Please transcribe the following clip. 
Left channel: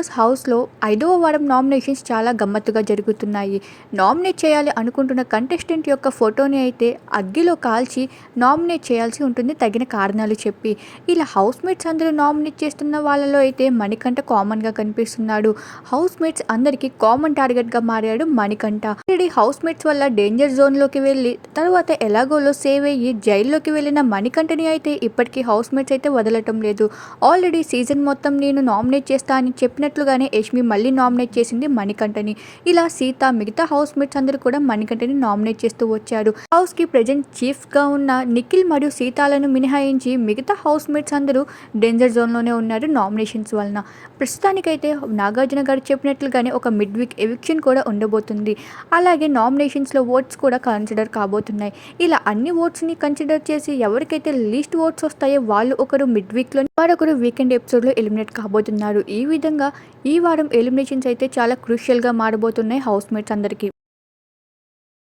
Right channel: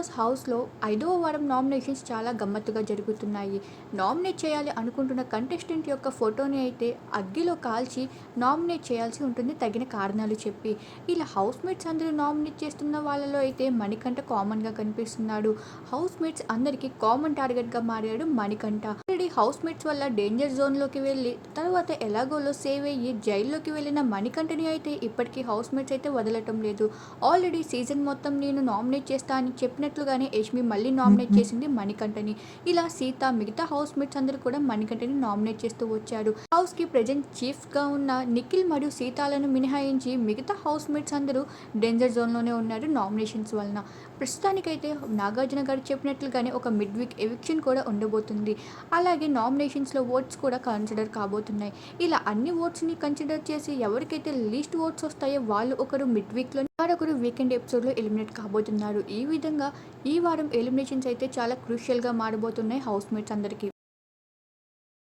Boss హౌస్లో ఐదవ వారం నామినేషన్స్ చాలా గమ్మత్తుగా జరుగుతున్నాయి. నామినేట్ చేయాలి అనుకుంటున్న కంటెస్టెంట్ యొక్క ఫోటోని అయితే అగ్గిలో కాల్చి నామినేట్ చేయాల్సి ఉంటుంది తగిన కారణాలు చెప్పి. ఇలా హౌస్మేట్స్ అందరూ నామినేట్ చేస్తున్న వాళ్ళలో అయితే మణికంఠ కామన్గా కనిపిస్తున్నాడు. హౌస్మేట్స్ అందరికీ కామన్ టార్గెట్గా మారాడు మణికంఠ. ఆల్రెడీ హౌస్మేట్స్ వల్ల డేంజర్ జోన్లోకి వెళ్ళి తర్వాత ఎలాగోలో సేవ్ అయ్యి జైల్లోకి వెళ్ళిన మణికంఠని అయితే ఇప్పటికీ హౌస్మేట్స్ అయితే వదలటం లేదు. ఆల్రెడీ సీజన్ మొత్తం నేను నామినేట్ చేస్తా అని చెప్పిన చెప్పినట్లుగానే యష్మి మళ్ళీ నామినేట్ చేసింది మణికంఠని. ఇలా సీత మిగతా హౌస్ మేట్స్ అందరూ కూడా మణికంఠని నామినేట్ చేస్తూ వచ్చారు. హౌస్కి ప్రజెంట్ చీఫ్గా ఉన్న నిఖిల్ మరియు సీతాలను మినహాయించి మిగతా హౌస్ మేట్స్ అందరూ డేంజర్ జోన్లోనే ఉన్నారు నామినేషన్స్ వలన. ప్రస్తుతానికైతే నాగార్జున గారు చెప్పినట్లుగానే ఒక మిడ్ వీక్ ఎవిక్షన్ కూడా ఉండబోతుంది. అలాగే నామినేషన్స్లో ఓట్స్ కూడా కన్సిడర్ కాబోతున్నాయి. ఇలా అన్ని ఓట్స్ని కన్సిడర్ చేసి ఎవరికైతే లీస్ట్ ఓట్స్ వస్తాయో వాళ్ళు ఒకరు మిడ్ వీక్లో మరొకరు వీకెండ్ ఎపిసోడ్లో ఎలిమినేట్ కాబోతున్నారు. ఈ విధంగా ఈ వారం ఎలిమినేషన్స్ అయితే చాలా క్రూషియల్గా మారబోతున్నాయి హౌస్ మేట్స్ అందరికీ.